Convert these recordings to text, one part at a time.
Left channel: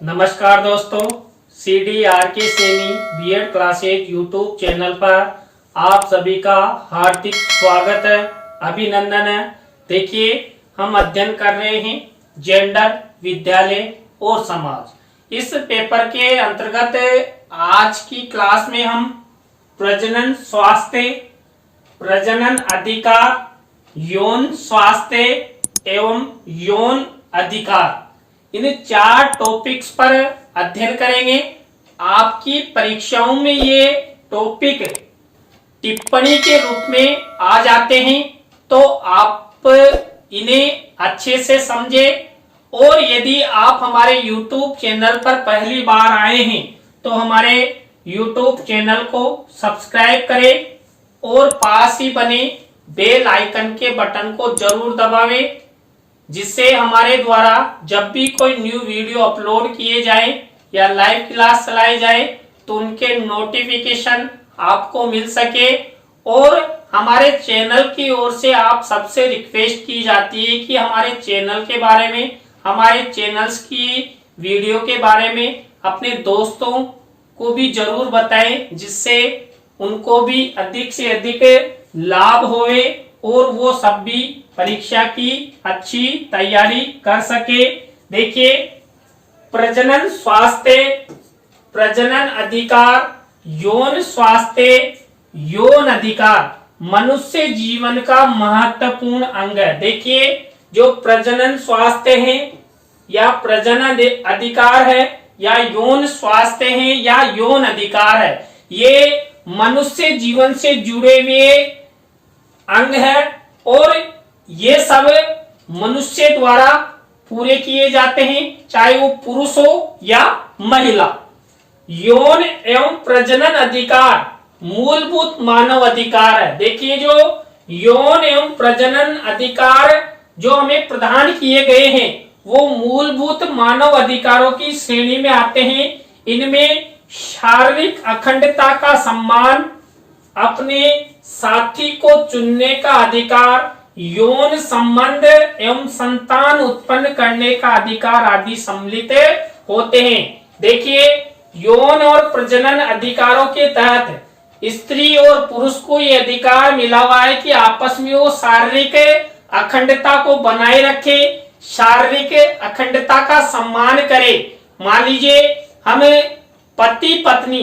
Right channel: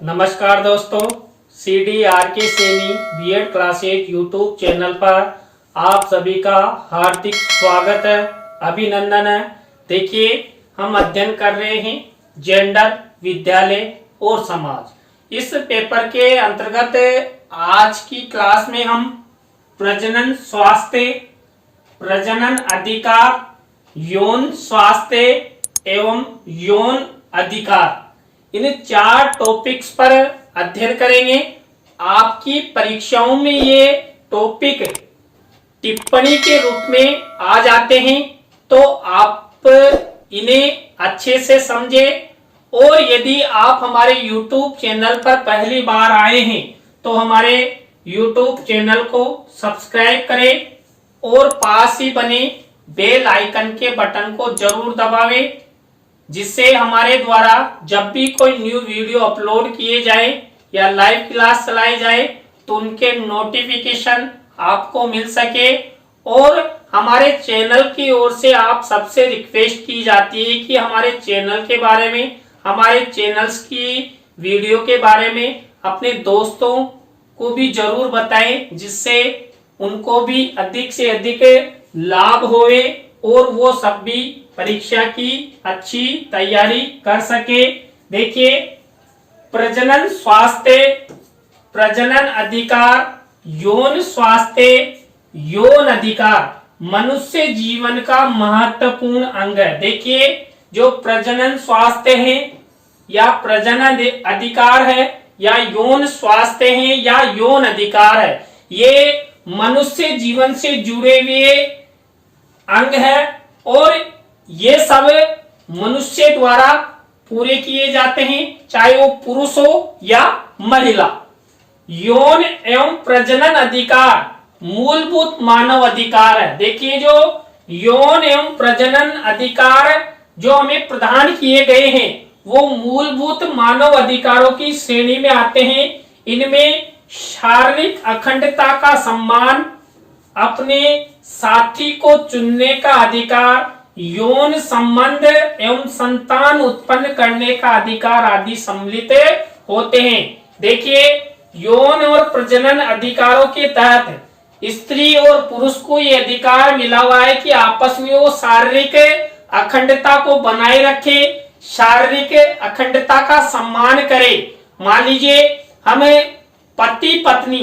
नमस्कार दोस्तों, CDRK Saini BEd class 8 YouTube channel पर आप सभी का हार्दिक स्वागत है, अभिनंदन है। देखिए, हम अध्ययन कर रहे हैं जेंडर, विद्यालय और समाज। इस पेपर के अंतर्गत आज की क्लास में हम प्रजनन स्वास्थ्य, प्रजनन अधिकार, यौन स्वास्थ्य एवं यौन अधिकार, इन 4 टॉपिक्स पर अध्ययन करेंगे। आपकी परीक्षाओं में ये टॉपिक टिप्पणी के रूप में आ जाते हैं, तो आप इन्हें अच्छे से समझें। और यदि आप हमारे YouTube चैनल पर पहली बार आए हैं तो हमारे YouTube चैनल को सब्सक्राइब करें और पास ही बने बेल आइकन के बटन को जरूर दबावें, जिससे हमारे द्वारा जब भी कोई न्यू वीडियो अपलोड किए जाए या लाइव क्लास चलाई जाए तो उनके नोटिफिकेशन आपको मिल सके। और हमारे चैनल की ओर से आप सबसे रिक्वेस्ट की जाती है कि हमारे चैनल के बारे में, हमारे चैनल्स की वीडियो के बारे में अपने दोस्तों को भी जरूर बताएं, जिससे उनको भी अधिक से अधिक लाभ होवे और वो सब भी परीक्षा की अच्छी तैयारी कर सके। देखिए, प्रजनन स्वास्थ्य, प्रजनन अधिकार, यौन स्वास्थ्य, यौन अधिकार मनुष्य जीवन का महत्वपूर्ण अंग है। देखिए, जो प्रजनन स्वास्थ्य है या प्रजनन अधिकार है या यौन स्वास्थ्य है या यौन अधिकार है, ये मनुष्य जीवन से जुड़े हुए अंग है और ये सब मनुष्य द्वारा पूरे किए जाते हैं, चाहे वो पुरुष हो या महिला। यौन एवं प्रजनन अधिकार मूलभूत मानव अधिकार है। देखिए, जो यौन एवं प्रजनन अधिकार जो हमें प्रदान किए गए हैं वो मूलभूत मानव अधिकारों की श्रेणी में आते हैं। इनमें शारीरिक अखंडता का सम्मान, अपने साथी को चुनने का अधिकार, यौन संबंध एवं संतान उत्पन्न करने का अधिकार आदि सम्मिलित होते हैं। देखिए, यौन और प्रजनन अधिकारों के तहत स्त्री और पुरुष को यह अधिकार मिला हुआ है कि आपस में वो शारीरिक अखंडता को बनाए रखे, शारीरिक अखंडता का सम्मान करे। मान लीजिए, हमें पति पत्नी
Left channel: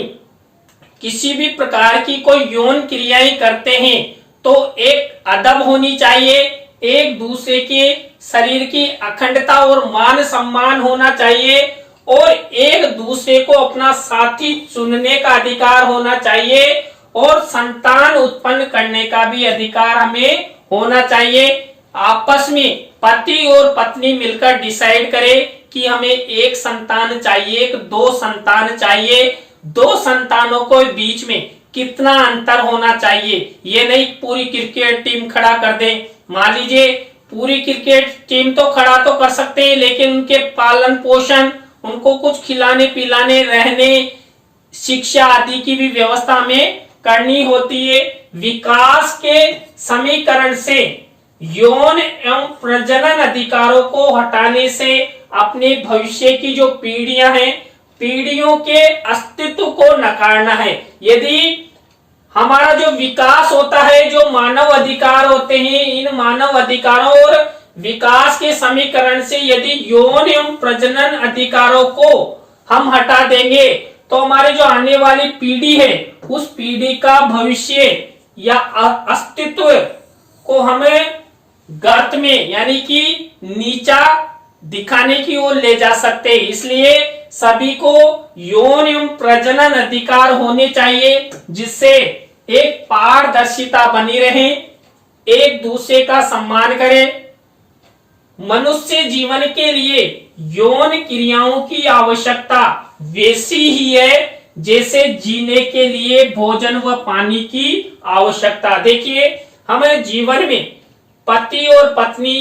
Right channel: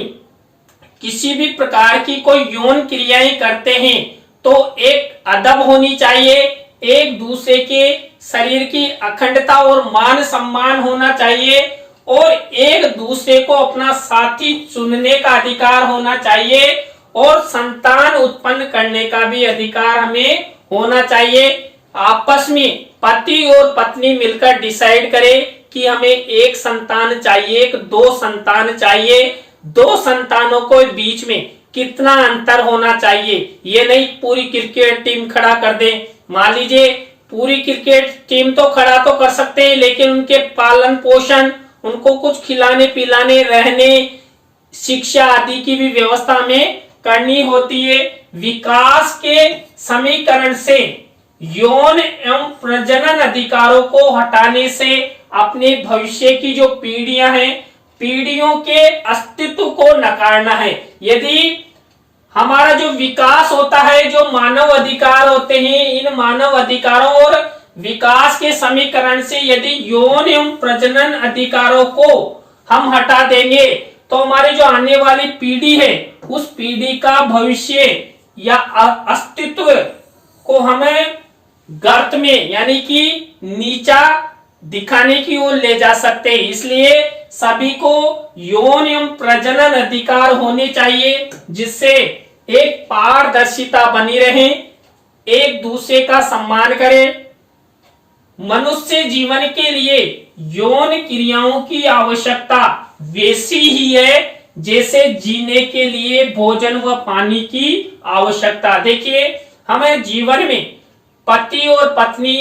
किसी भी प्रकार की कोई यौन क्रियाएं करते हैं तो एक अदब होनी चाहिए, एक दूसरे के शरीर की अखंडता और मान सम्मान होना चाहिए और एक दूसरे को अपना साथी चुनने का अधिकार होना चाहिए और संतान उत्पन्न करने का भी अधिकार हमें होना चाहिए। आपस में पति और पत्नी मिलकर डिसाइड करें कि हमें एक संतान चाहिए, 2 संतान चाहिए, 2 संतानों को बीच में कितना अंतर होना चाहिए। ये नहीं पूरी क्रिकेट टीम खड़ा कर दें। मान लीजिए, पूरी क्रिकेट टीम तो खड़ा तो कर सकते हैं, लेकिन उनके पालन पोषण, उनको कुछ खिलाने पिलाने, रहने, शिक्षा आदि की भी व्यवस्था हमें करनी होती है। विकास के समीकरण से यौन एवं प्रजनन अधिकारों को हटाने से अपने भविष्य की जो पीढ़ियां हैं, पीढ़ियों के अस्तित्व को नकारना है। यदि हमारा जो विकास होता है, जो मानव अधिकार होते हैं, इन मानव अधिकारों और विकास के समीकरण से यदि यौन एवं प्रजनन अधिकारों को हम हटा देंगे तो हमारे जो आने वाली पीढ़ी है उस पीढ़ी का भविष्य या अस्तित्व को हमें गर्त में यानी कि नीचा दिखाने की ओर ले जा सकते हैं। इसलिए सभी को यौन एवं प्रजनन अधिकार होने चाहिए, जिससे एक पारदर्शिता बनी रहे, एक दूसरे का सम्मान करें। मनुष्य जीवन के लिए यौन क्रियाओं की आवश्यकता वैसी ही है जैसे जीने के लिए भोजन व पानी की आवश्यकता। देखिए, हमें जीवन में पति और पत्नी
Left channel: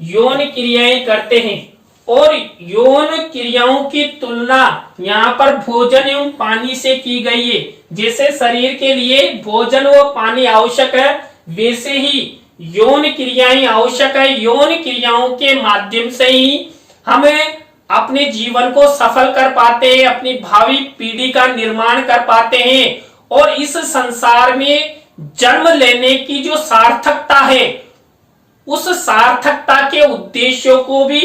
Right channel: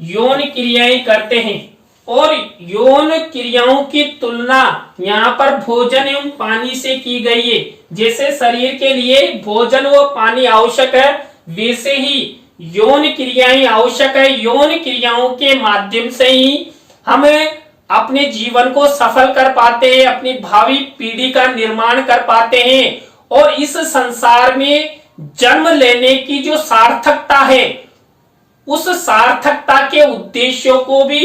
यौन क्रियाएं करते हैं और यौन क्रियाओं की तुलना यहाँ पर भोजन एवं पानी से की गई है। जैसे शरीर के लिए भोजन व पानी आवश्यक है, वैसे ही यौन क्रियाएं आवश्यक है। यौन क्रियाओं के माध्यम से ही हमें अपने जीवन को सफल कर पाते हैं, अपनी भावी पीढ़ी का निर्माण कर पाते हैं और इस संसार में जन्म लेने की जो सार्थकता है उस सार्थकता के उद्देश्यों को भी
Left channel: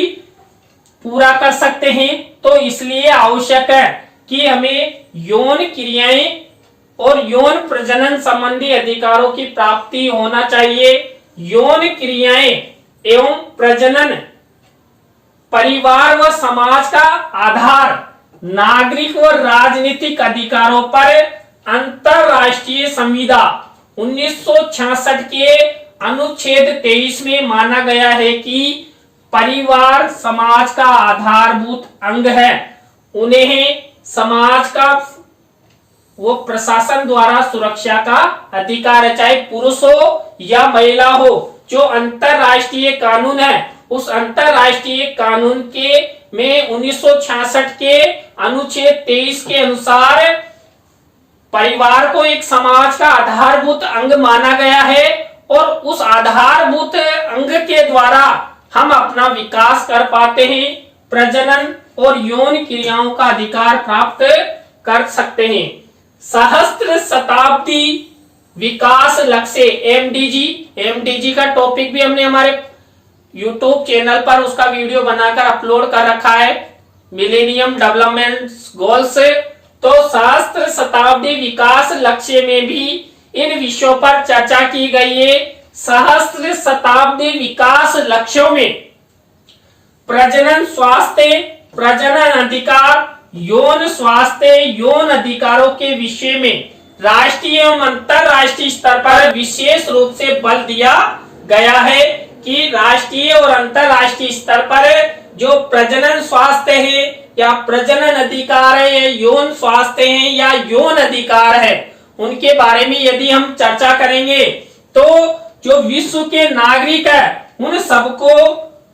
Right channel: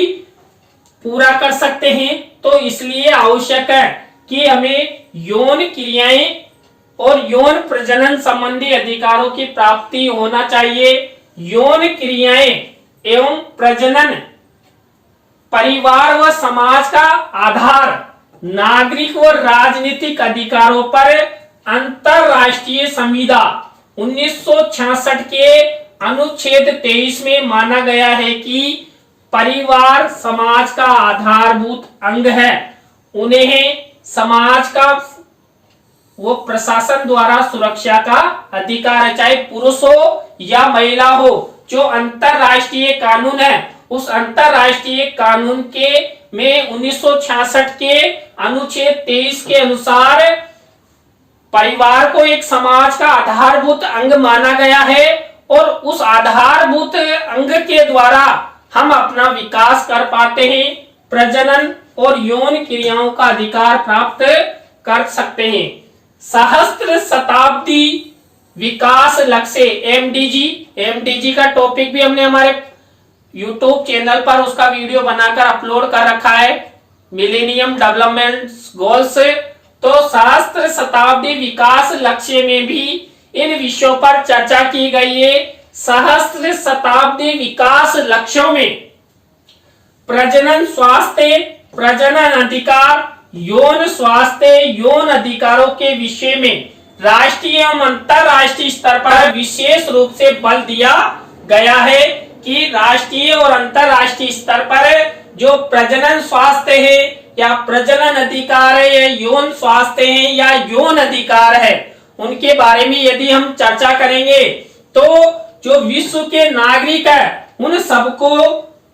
पूरा कर सकते हैं। तो इसलिए आवश्यक है कि हमें यौन क्रियाएं और यौन प्रजनन संबंधी अधिकारों की प्राप्ति होना चाहिए। यौन क्रियाएं एवं प्रजनन परिवार व समाज का आधार नागरिक व राजनीतिक अधिकारों पर अंतरराष्ट्रीय संविदा 1966 के अनुच्छेद 23 में माना गया है कि परिवार समाज का आधारभूत अंग है। उन्हें समाज का वो प्रशासन द्वारा सुरक्षा का अधिकार है, चाहे पुरुष हो या महिला हो। जो अंतरराष्ट्रीय कानून है उस अंतरराष्ट्रीय कानून के में 1966 के अनुच्छेद 23 के अनुसार परिवार को एक समाज का आधारभूत अंग माना गया है और उस आधारभूत अंग के द्वारा हम अपना विकास कर पाते हैं, प्रजनन और यौन क्रियाओं का अधिकार प्राप्त कर सकते हैं। सहस्त्र शताब्दी विकास लक्ष्य एमडीजी का टॉपिक भी हमने हमारे YouTube चैनल पर उसका वीडियो बनाकर अपलोड कर रखा है, मिलेनियम डेवलपमेंट गोल्स। तो सहस्त्र शताब्दी विकास लक्ष्य में भी इन विषयों पर चर्चा की गई है। सहस्त्र शताब्दी विकास लक्ष्यों में प्रजनन स्वास्थ्य, प्रजनन अधिकार, यौन स्वास्थ्य, यौन अधिकारों के विषय में राष्ट्रीय एवं अंतरराष्ट्रीय स्तर पर विशेष रूप से बल दिया गया है कि राष्ट्रीय और अंतरराष्ट्रीय स्तर पर जो प्रजनन स्वास्थ्य है या प्रजनन अधिकार है या यौन स्वास्थ्य है या यौन अधिकार है, उनके बारे में यदि हम चर्चा करेंगे तो जो विश्व के नागरिक है उन सबको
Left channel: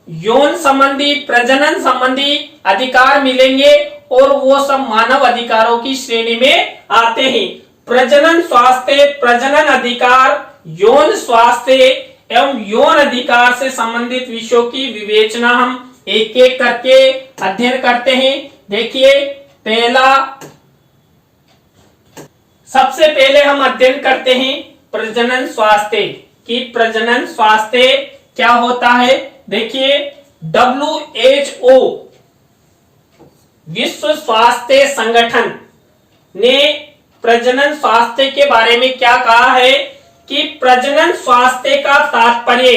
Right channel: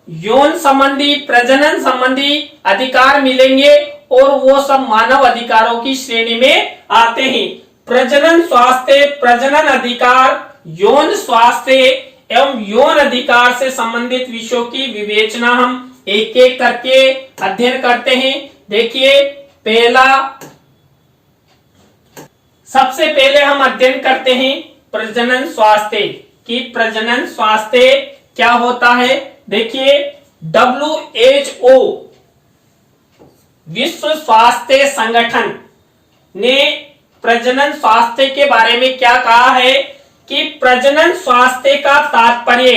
यौन संबंधी, प्रजनन संबंधी अधिकार मिलेंगे और वो सब मानव अधिकारों की श्रेणी में आते हैं। प्रजनन स्वास्थ्य, प्रजनन अधिकार, यौन स्वास्थ्य एवं यौन अधिकार से संबंधित विषयों की विवेचना हम एक एक करके अध्ययन करते हैं। देखिए, सबसे पहले हम अध्ययन करते हैं प्रजनन स्वास्थ्य कि प्रजनन स्वास्थ्य क्या होता है। देखिए, WHO विश्व स्वास्थ्य संगठन ने प्रजनन स्वास्थ्य के बारे में क्या कहा है कि प्रजनन स्वास्थ्य का तात्पर्य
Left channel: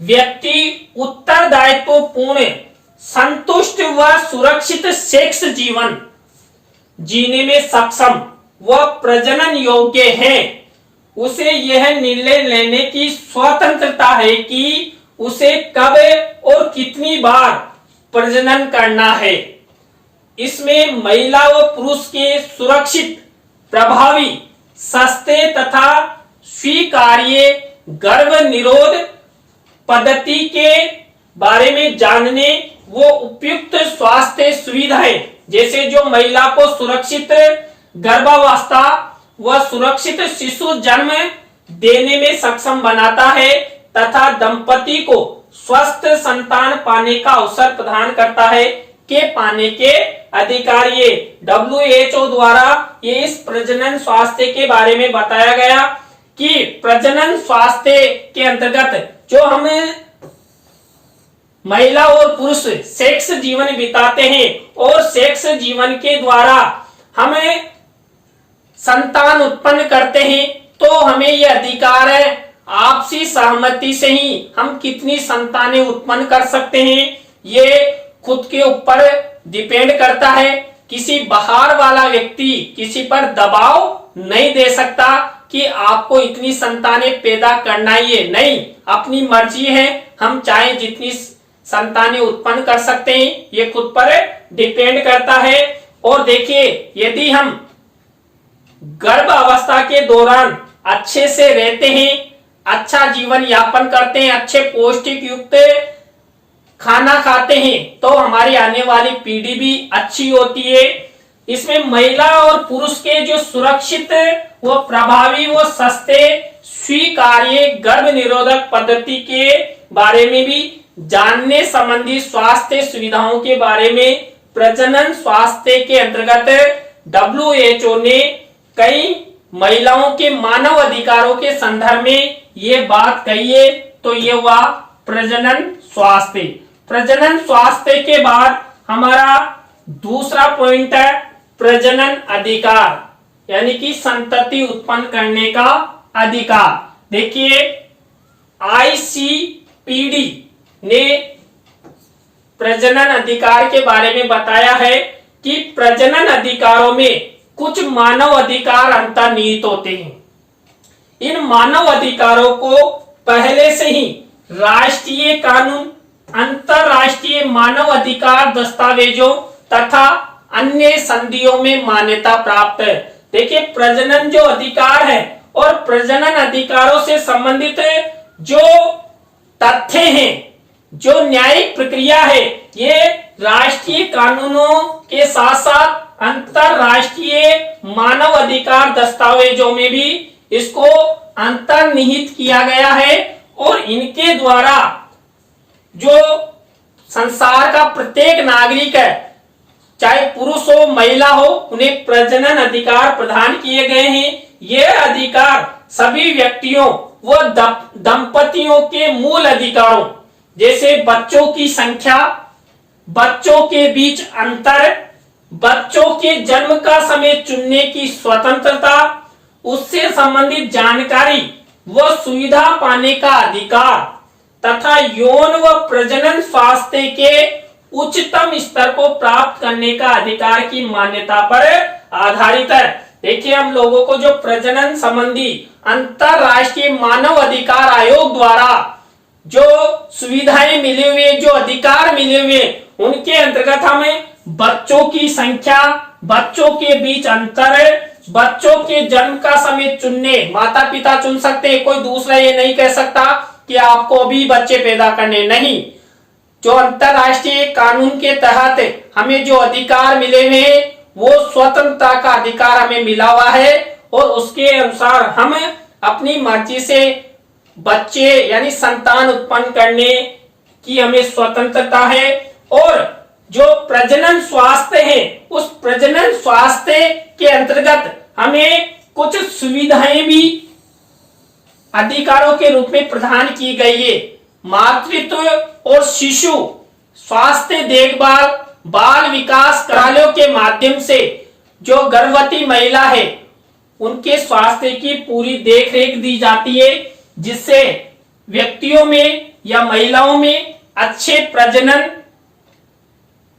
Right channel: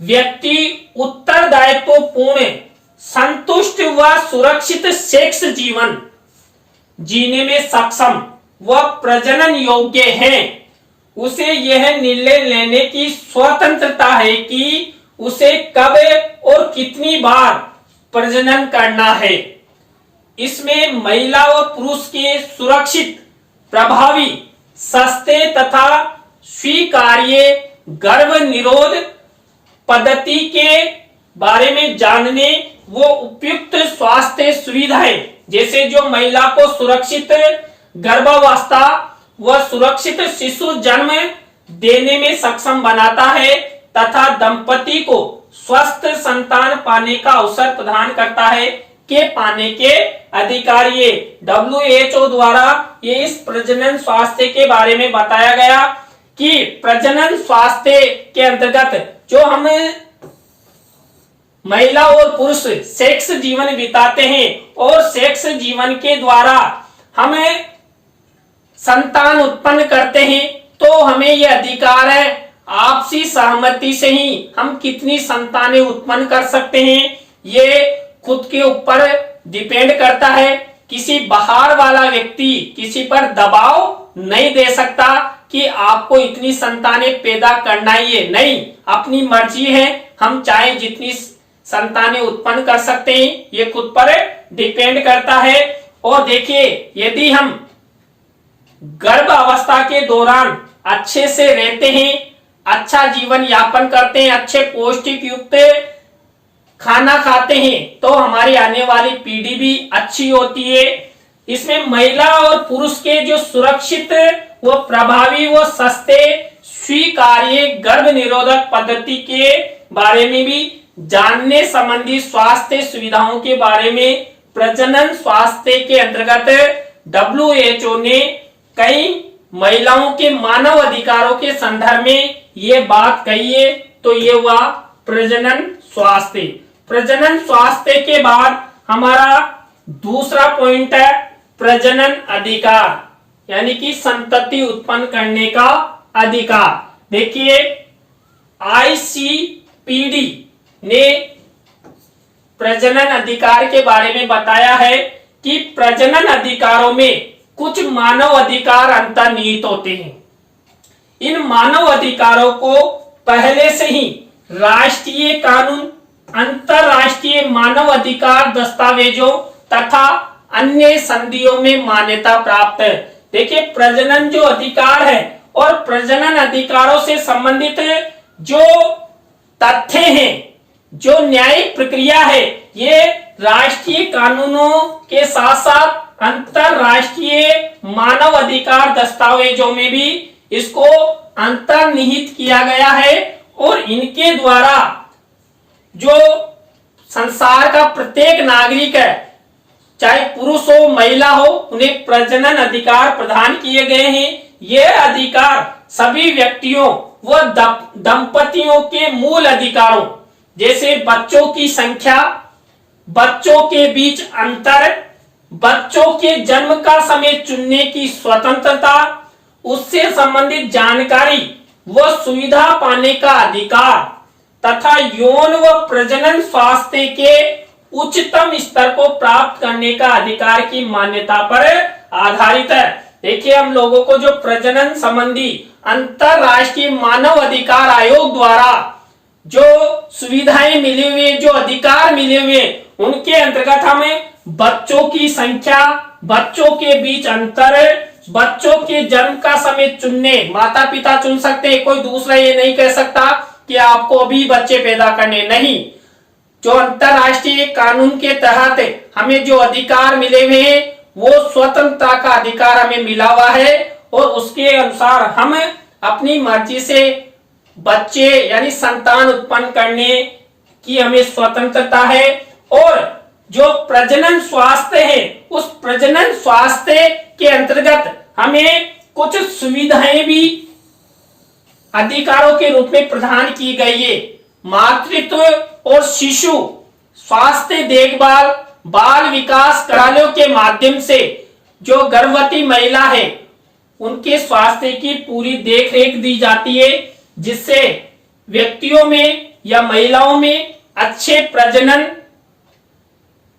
व्यक्ति उत्तरदायित्वपूर्ण, संतुष्ट व सुरक्षित सेक्स जीवन जीने में सक्षम व प्रजनन योग्य है। उसे यह निर्णय लेने की स्वतंत्रता है कि उसे कब और कितनी बार प्रजनन करना है। इसमें महिला व पुरुष के सुरक्षित, प्रभावी, सस्ते तथा स्वीकार्य गर्भ निरोध पद्धति के बारे में जानने वो उपयुक्त स्वास्थ्य सुविधाएं, जैसे जो महिला को सुरक्षित गर्भावस्था व सुरक्षित शिशु जन्म देने में सक्षम बनाता है तथा दंपति को स्वस्थ संतान पाने का अवसर प्रदान करता है के पाने के अधिकार। ये WHO द्वारा ये इस प्रजनन स्वास्थ्य के बारे में बताया गया कि प्रजनन स्वास्थ्य के अंतर्गत जो हम महिला और पुरुष सेक्स जीवन बिताते हैं और सेक्स जीवन के द्वारा हमें संतान उत्पन्न करते हैं, तो हमें यह अधिकार है आपसी सहमति से ही हम कितनी संतानें उत्पन्न कर सकते हैं। ये खुद के ऊपर डिपेंड करता है। किसी बाहर वाला व्यक्ति किसी पर दबाव नहीं दे सकता कि आपको इतनी संतानें पैदा करना ही है, नहीं, अपनी मर्जी है, हम चाहे जितनी संतानें उत्पन्न कर सकते हैं, ये खुद पर डिपेंड करता है। और देखिए, यदि हम गर्भ अवस्था के दौरान अच्छे से रहते हैं, अच्छा जीवन यापन करते हैं, अच्छे पौष्टिक युक्त खाना खाते हैं, तो हमारी आने वाली पीढ़ी भी अच्छी होती है। इसमें महिला और पुरुष के जो सुरक्षित व प्रभावी व सस्ते स्वीकार्य गर्भ निरोधक पद्धति के बारे में भी जानने संबंधी स्वास्थ्य सुविधाओं के बारे में प्रजनन स्वास्थ्य के अंतर्गत WHO ने कई महिलाओं के मानव अधिकारों के संदर्भ में ये बात कही है। तो ये हुआ प्रजनन स्वास्थ्य। प्रजनन स्वास्थ्य के बाद हमारा दूसरा पॉइंट है प्रजनन अधिकार, यानी कि संतति उत्पन्न करने का अधिकार। देखिए ICPD ने प्रजनन अधिकार के बारे में बताया है कि प्रजनन अधिकारों में कुछ मानव अधिकार अंतर्निहित होते हैं। इन मानव अधिकारों को पहले से ही राष्ट्रीय कानून, अंतरराष्ट्रीय मानव अधिकार दस्तावेजों तथा अन्य संधियों में मान्यता प्राप्त है। देखिए प्रजनन जो अधिकार है और प्रजनन अधिकारों से संबंधित जो तथ्य हैं, जो न्यायिक प्रक्रिया है, ये राष्ट्रीय कानूनों के साथ साथ अंतरराष्ट्रीय मानव अधिकार दस्तावेजों में भी इसको अंतर्निहित किया गया है और इनके द्वारा जो संसार का प्रत्येक नागरिक है, चाहे पुरुष हो महिला हो, उन्हें प्रजनन अधिकार प्रदान किए गए हैं। ये अधिकार सभी व्यक्तियों व दंपतियों के मूल अधिकारों जैसे बच्चों की संख्या, बच्चों के बीच अंतर, बच्चों के जन्म का समय चुनने की स्वतंत्रता, उससे संबंधित जानकारी व सुविधा पाने का अधिकार तथा यौन व प्रजनन स्वास्थ्य के उच्चतम स्तर को प्राप्त करने का अधिकार की मान्यता पर आधारित है। देखिए हम लोगों को जो प्रजनन संबंधी अंतरराष्ट्रीय मानव अधिकार आयोग द्वारा जो सुविधाएं मिले हुए, जो अधिकार मिले हुए, उनके अंतर्गत हमें बच्चों की संख्या, बच्चों के बीच अंतर, बच्चों के जन्म का समय चुनने, माता पिता चुन सकते हैं, कोई दूसरा ये नहीं कह सकता कि आपको अभी बच्चे पैदा करने, नहीं। जो अंतरराष्ट्रीय कानून के तहत हमें जो अधिकार मिले हुए हैं वो स्वतंत्रता का अधिकार हमें मिला हुआ है और उसके अनुसार हम अपनी मर्जी से बच्चे यानी संतान उत्पन्न करने की हमें स्वतंत्रता है। और जो प्रजनन स्वास्थ्य है, उस प्रजनन स्वास्थ्य के अंतर्गत हमें कुछ सुविधाएं भी अधिकारों के रूप में प्रदान की गई है। मातृत्व और शिशु स्वास्थ्य देखभाल, बाल विकास कार्यालयों के माध्यम से जो गर्भवती महिला है उनके स्वास्थ्य की पूरी देखरेख दी जाती है, जिससे व्यक्तियों में या महिलाओं में अच्छे प्रजनन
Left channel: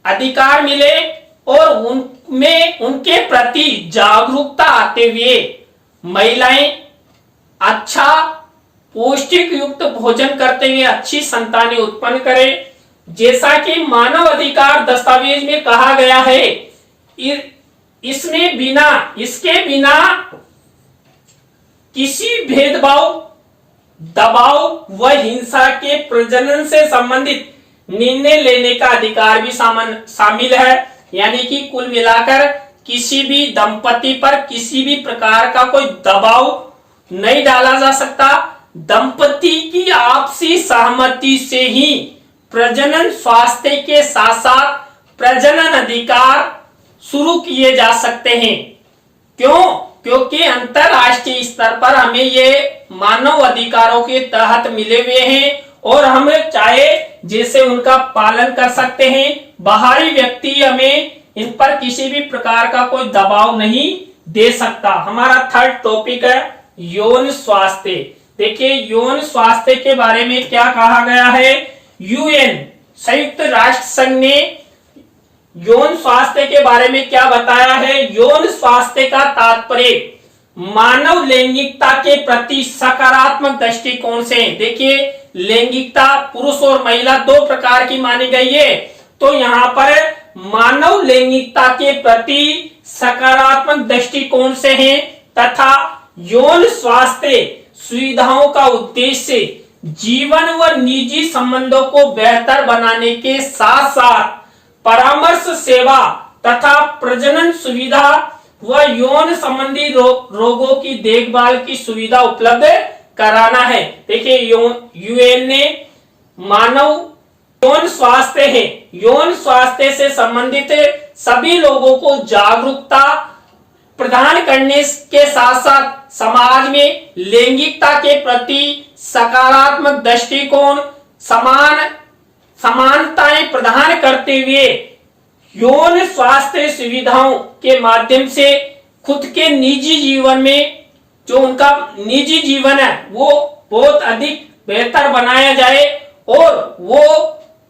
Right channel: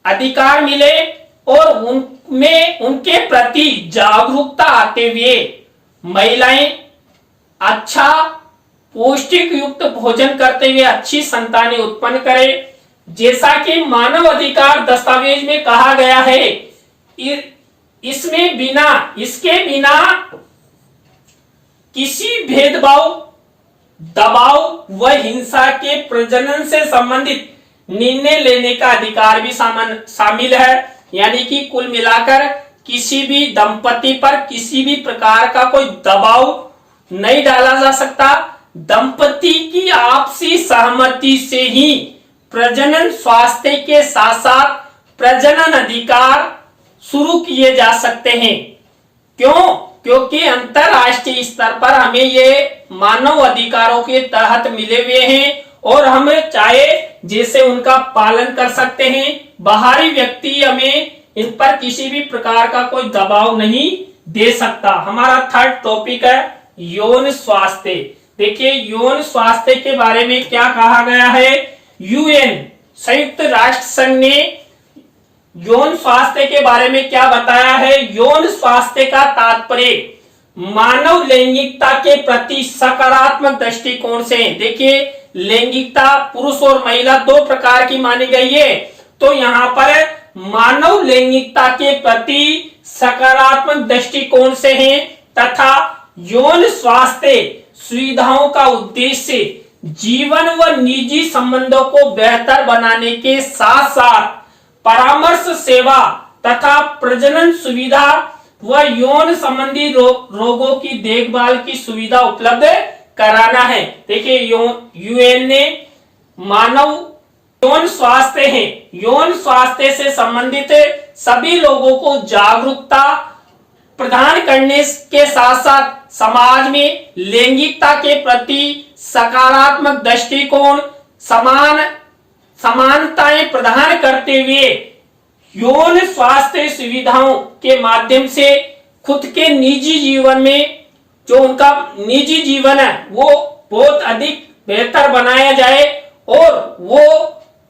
अधिकार मिले और उनमें उनके प्रति जागरूकता आते हुए महिलाएं अच्छा पौष्टिक युक्त भोजन करते हुए अच्छी संतानें उत्पन्न करें। जैसा कि मानव अधिकार दस्तावेज में कहा गया है, इसके बिना किसी भेदभाव, दबाव व हिंसा के प्रजनन से संबंधित निर्णय लेने का अधिकार भी शामिल है। यानी कि कुल मिलाकर किसी भी दंपति पर किसी भी प्रकार का कोई दबाव नहीं डाला जा सकता। दंपति की आपसी सहमति से ही प्रजनन स्वास्थ्य के साथ साथ प्रजनन अधिकार शुरू किए जा सकते हैं। क्यों? क्योंकि अंतरराष्ट्रीय स्तर पर हमें ये मानव अधिकारों के तहत मिले हुए हैं और हम चाहे जैसे उनका पालन कर सकते हैं। बाहरी व्यक्ति हमें इन पर किसी भी प्रकार का कोई दबाव नहीं दे सकता। हमारा थर्ड टॉपिक है यौन स्वास्थ्य। देखिए यौन स्वास्थ्य के बारे में क्या कहा गया है। UN संयुक्त राष्ट्र संघ ने यौन स्वास्थ्य के बारे में क्या बताया है। यौन स्वास्थ्य का तात्पर्य मानव लैंगिकता के प्रति सकारात्मक दृष्टिकोण से। देखिए लैंगिकता पुरुष और महिला दो प्रकार की मानी गई है, तो यहाँ पर मानव लैंगिकता के प्रति सकारात्मक दृष्टिकोण से है तथा यौन स्वास्थ्य सुविधाओं का उद्देश्य जीवन व निजी संबंधों को बेहतर बनाने के साथ साथ परामर्श सेवा तथा प्रजनन सुविधा व यौन संबंधी रोगों की देखभाल की सुविधा उपलब्ध कराना है। देखिए UN ने मानव यौन स्वास्थ्य है। यौन स्वास्थ्य से संबंधित सभी लोगों को जागरूकता प्रदान करने के साथ साथ समाज में लैंगिकता के प्रति सकारात्मक दृष्टिकोण, समानताएं प्रदान करते हुए यौन स्वास्थ्य सुविधाओं के माध्यम से खुद के निजी जीवन में, जो उनका निजी जीवन है, वो बहुत अधिक बेहतर बनाया जाए और वो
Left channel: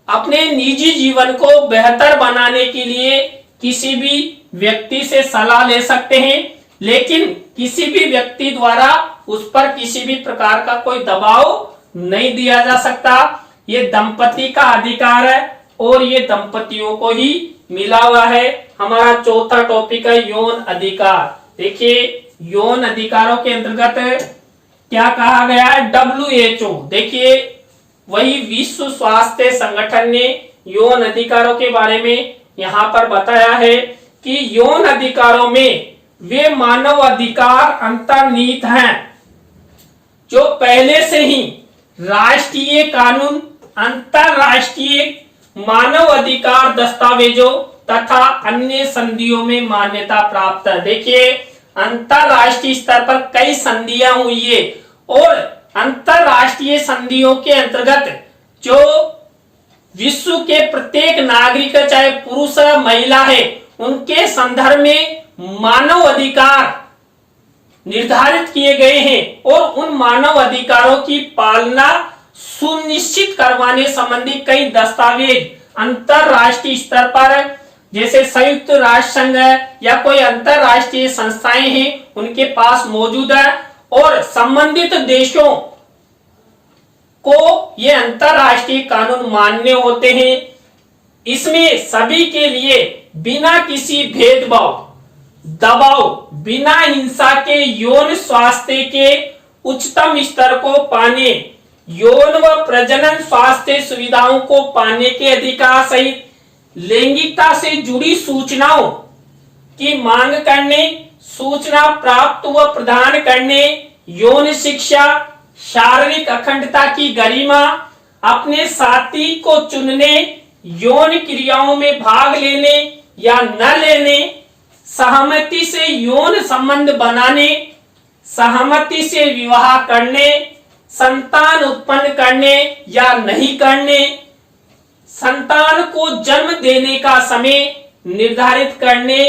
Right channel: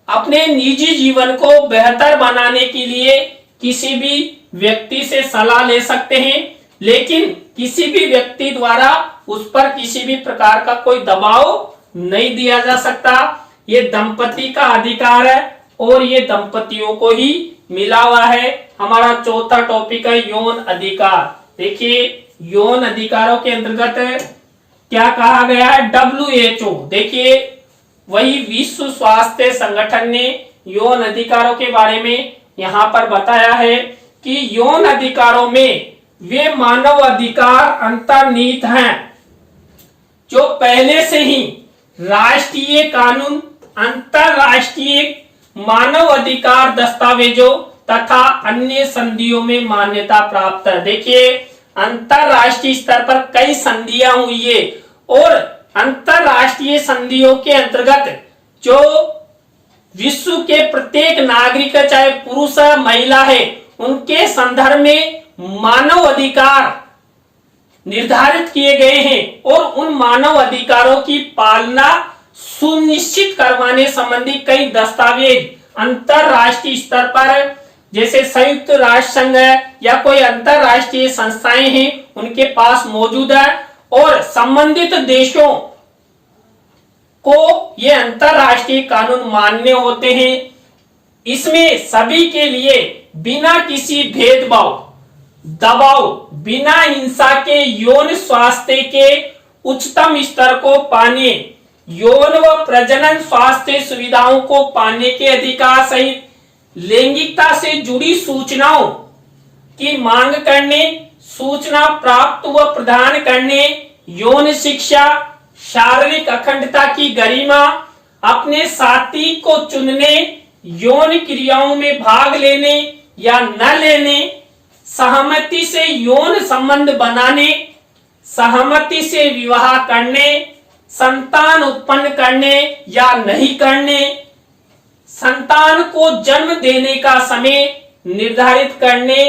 अपने निजी जीवन को बेहतर बनाने के लिए किसी भी व्यक्ति से सलाह ले सकते हैं, लेकिन किसी भी व्यक्ति द्वारा उस पर किसी भी प्रकार का कोई दबाव नहीं दिया जा सकता। ये दंपति का अधिकार है और ये दंपतियों को ही मिला हुआ है। हमारा चौथा टॉपिक है यौन अधिकार। देखिए यौन अधिकारों के अंतर्गत क्या कहा गया है, WHO, देखिए वही विश्व स्वास्थ्य संगठन ने यौन अधिकारों के बारे में यहाँ पर बताया है कि यौन अधिकारों में वे मानव अधिकार अंतर्निहित हैं जो पहले से ही राष्ट्रीय कानून, अंतरराष्ट्रीय मानव अधिकार दस्तावेजों तथा अन्य संधियों में मान्यता प्राप्त है। देखिए अंतरराष्ट्रीय स्तर पर कई संधियां हुई है और अंतरराष्ट्रीय संधियों के अंतर्गत जो विश्व के प्रत्येक नागरिक, चाहे पुरुष है महिला है, उनके संदर्भ में मानव अधिकार निर्धारित किए गए हैं और उन मानव अधिकारों की पालना सुनिश्चित करवाने संबंधी कई दस्तावेज अंतरराष्ट्रीय स्तर पर, जैसे संयुक्त राष्ट्र संघ है या कोई अंतरराष्ट्रीय संस्थाएं हैं, उनके पास मौजूद है और संबंधित देशों को ये अंतरराष्ट्रीय कानून मान्य होते हैं। इसमें सभी के लिए बिना किसी भेदभाव, दबाव, बिना हिंसा के यौन स्वास्थ्य के उच्चतम स्तर को पाने, यौन व प्रजनन स्वास्थ्य सुविधाओं को पाने के अधिकार सहित लैंगिकता से जुड़ी सूचनाओं की मांग करने, सूचना प्राप्त व प्रदान करने, यौन शिक्षा, शारीरिक अखंडता की गरिमा, अपने साथी को चुनने, यौन क्रियाओं में भाग लेने या न लेने, सहमति से यौन संबंध बनाने, सहमति से विवाह करने, संतान उत्पन्न करने या नहीं करने, संतान को जन्म देने का समय निर्धारित करने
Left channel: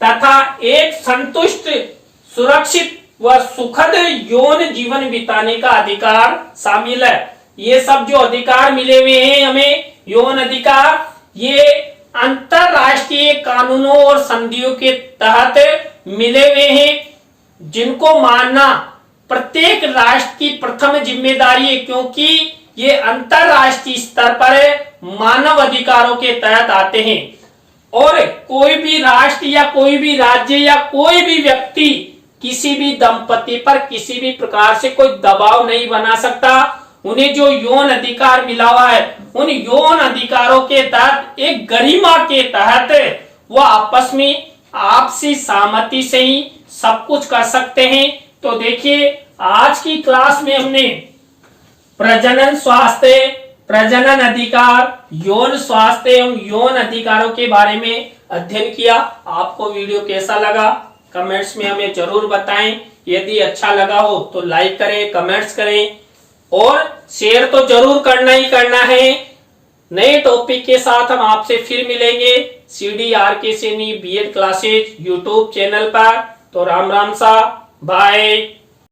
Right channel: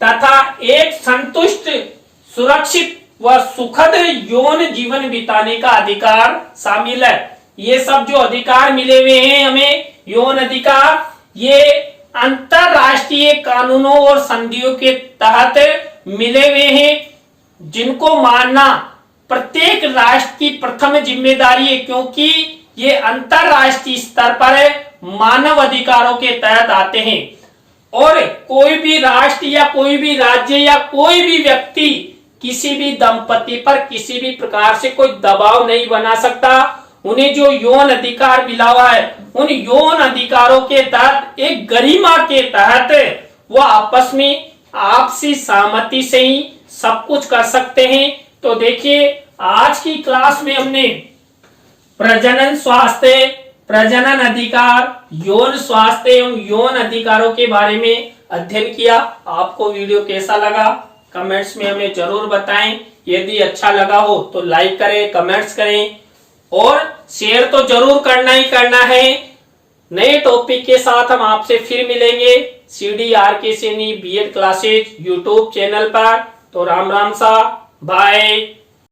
तथा एक संतुष्ट, सुरक्षित व सुखद यौन जीवन बिताने का अधिकार शामिल है। ये सब जो अधिकार मिले हुए हैं हमें यौन अधिकार, ये अंतरराष्ट्रीय कानूनों और संधियों के तहत मिले हुए हैं, जिनको मानना प्रत्येक राष्ट्र की प्रथम जिम्मेदारी है, क्योंकि ये अंतरराष्ट्रीय स्तर पर मानव अधिकारों के तहत आते हैं और कोई भी राष्ट्र या कोई भी राज्य या कोई भी व्यक्ति किसी भी दंपति पर किसी भी प्रकार से कोई दबाव नहीं बना सकता। उन्हें जो यौन अधिकार मिला हुआ है, उन यौन अधिकारों के तहत एक गरिमा के तहत वो आपस में आपसी सहमति से ही सब कुछ कर सकते हैं। तो देखिए आज की क्लास में हमने प्रजनन स्वास्थ्य, प्रजनन अधिकार, यौन स्वास्थ्य एवं यौन अधिकारों के बारे में अध्ययन किया। आपको वीडियो कैसा लगा कमेंट्स में हमें जरूर बताएं। यदि अच्छा लगा हो तो लाइक करें, कमेंट्स करें और शेयर तो जरूर करना ही करना है। नए टॉपिक के साथ हम आपसे फिर मिलेंगे CDRK Saini B.Ed classes YouTube channel पर। तो राम राम सा, बाय।